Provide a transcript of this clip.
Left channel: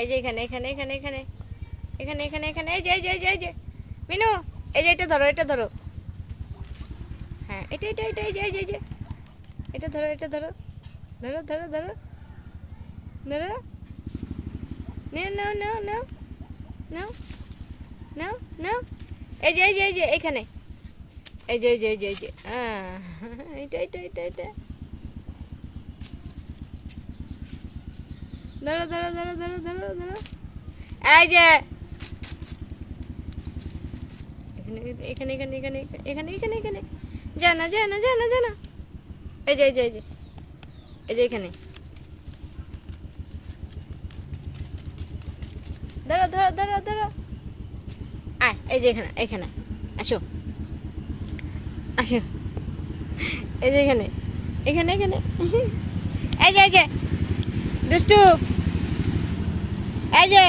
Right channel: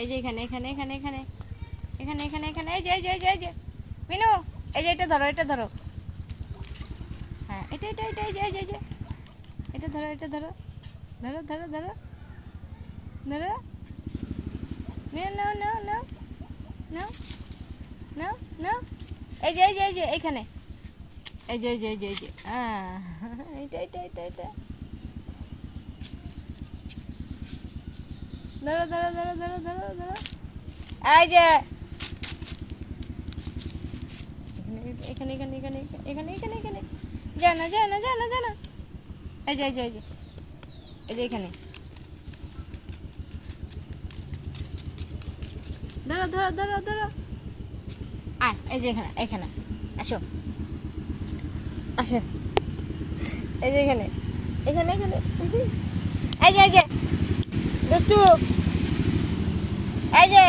এই যে এখানে এখানে এখানে এখানে এখানে এখানে এখানে এই যে এই যে এই যে এই যে মিনু, এই যে এটা ধরো, এটা ধরো। হ্যাঁ, এটা এটা এটা এই যে এই যে এই যে এটা ধরো, এটা ধরো, ধরো ধরো ধরো ধরো। নাও নাও নাও নাও নাও নাও নাও। এই যে এই যে এই যে এখানে এই যে এই যে এই যে এই যে এটা এটা এটা এটা ধরো ধরো ধরো ধরো ধরো ধরো। এই যে এখানে এখানে এখানে এখানে এখানে এখানে যা না যা না যা না যা না। এই যে এই যে এই যে এই যে এখানে ধরো ধরো ধরো ধরো। আয়, এই যে এখানে এখানে আসো আসো। এই যে এখানে এখানে এখানে এই যে দুষ্টু, এই যে